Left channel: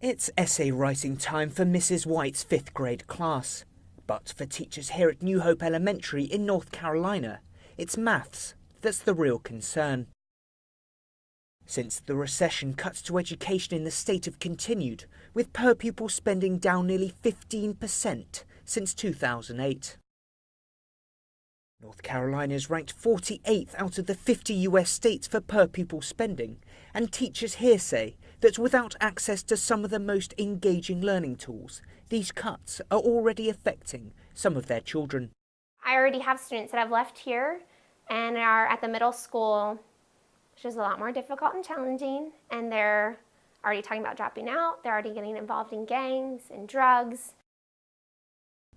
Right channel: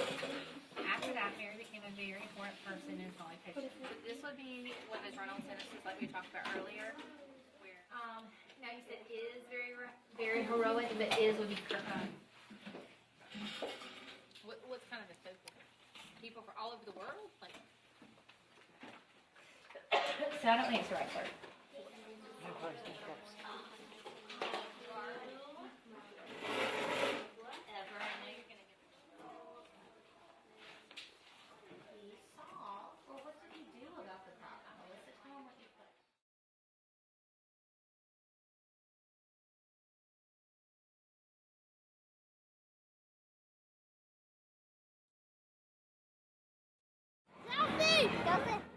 It's essay writing time for Mrs. White's 5th grade class. But for teachers here at New Hope Elementary in North Carolina, it's maths that's the real concern. Since the recession, cuts to education in the state have continued, with per pupil spending down nearly 15% since 2008. North Carolina is ranked 48th out of the 50 US states for per pupil spending, and teachers here say that without access to some of the most engaging learning tools, these cuts are already affecting some of their children. I already have students that have left here and are at the middle school, which is a lot more difficult and challenging, and they're already talking about dropping out. They're already getting involved in gangs and drugs.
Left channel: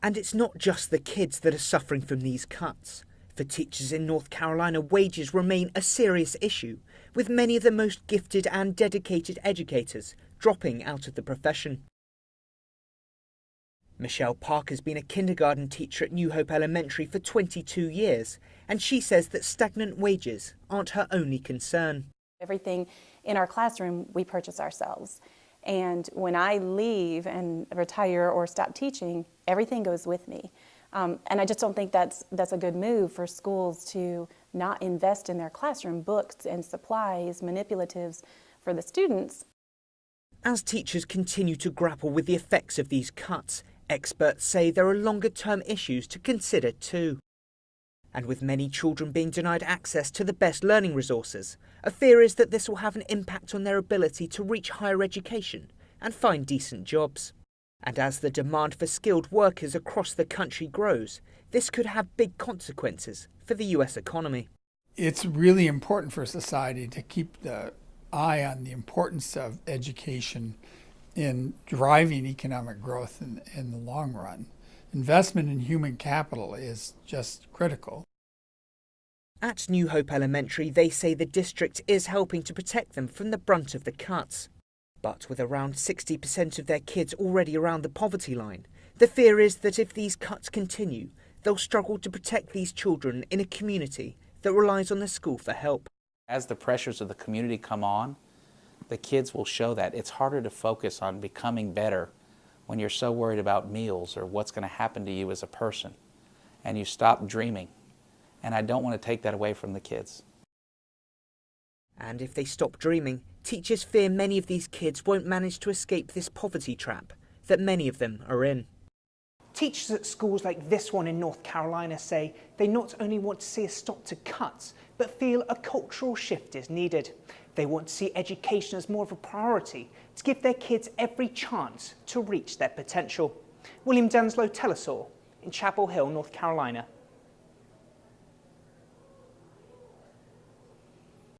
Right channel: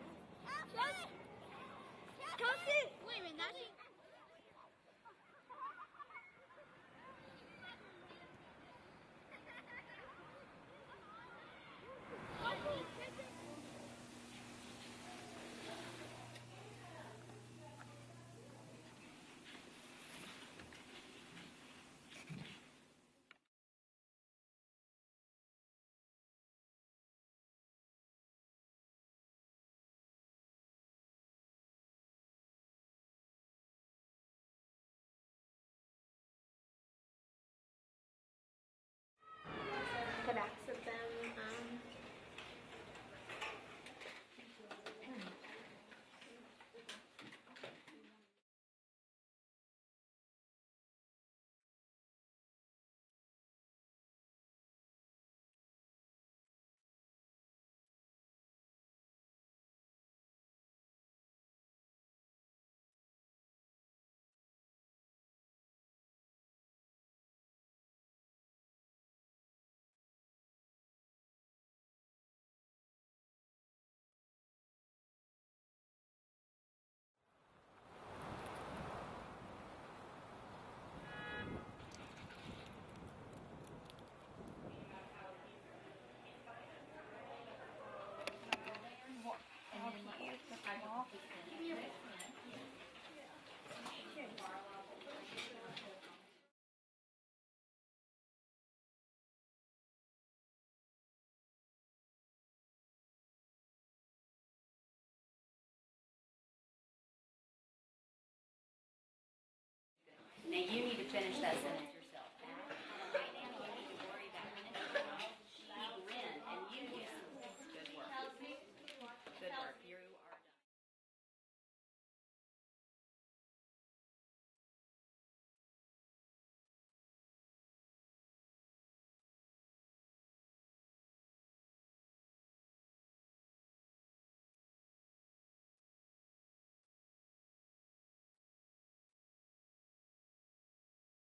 And it's not just the kids that are suffering from these cuts. For teachers in North Carolina, wages remain a serious issue, with many of the most gifted and dedicated educators dropping out of the profession. Michelle Parker's been a kindergarten teacher at New Hope Elementary for 22 years, and she says that stagnant wages aren't her only concern. Everything in our classroom we purchase ourselves. And when I leave and retire or stop teaching, everything goes with me. And I just don't think that's a good move for schools to not invest in their classroom books and supplies, manipulatives for the students. As teachers continue to grapple with the effects of these cuts, experts say there are longer-term issues to consider too. And with many children being denied access to the best learning resources, a fear is that this will have an impact on their ability to reach higher education and find decent jobs. And as the demand for skilled workers across the country grows, this could have big consequences for the US economy. It's really important for society to keep the eye on the importance of education in driving economic growth in the long run. Investment in human capital is just critical. At New Hope Elementary, they say the district is helping to protect them from the brunt of the cuts. But with around 60% of their kids already around the poverty line, the fear is that if these cuts continue, they'll struggle to protect these children in a community that relies on the school for help. As the pressures of the community come on, the kids will show that. It's harder to focus on becoming better when you're so worried about meals or what's going to happen to you as a person, and you stop dreaming. And I don't want to take that away from the kids. Now you need to finish that sentence. And if they stop dreaming, teachers fear many of these kids won't manage to escape this poverty trap that many of them are in. Teachers at schools like this one in North Carolina say they not only want to see a stop to cuts, but feel a cultural shift is needed. They want to see education as more of a priority to give their kids every chance to reach their potential. William Denselow, Denselow in Chapel Hill, North Carolina.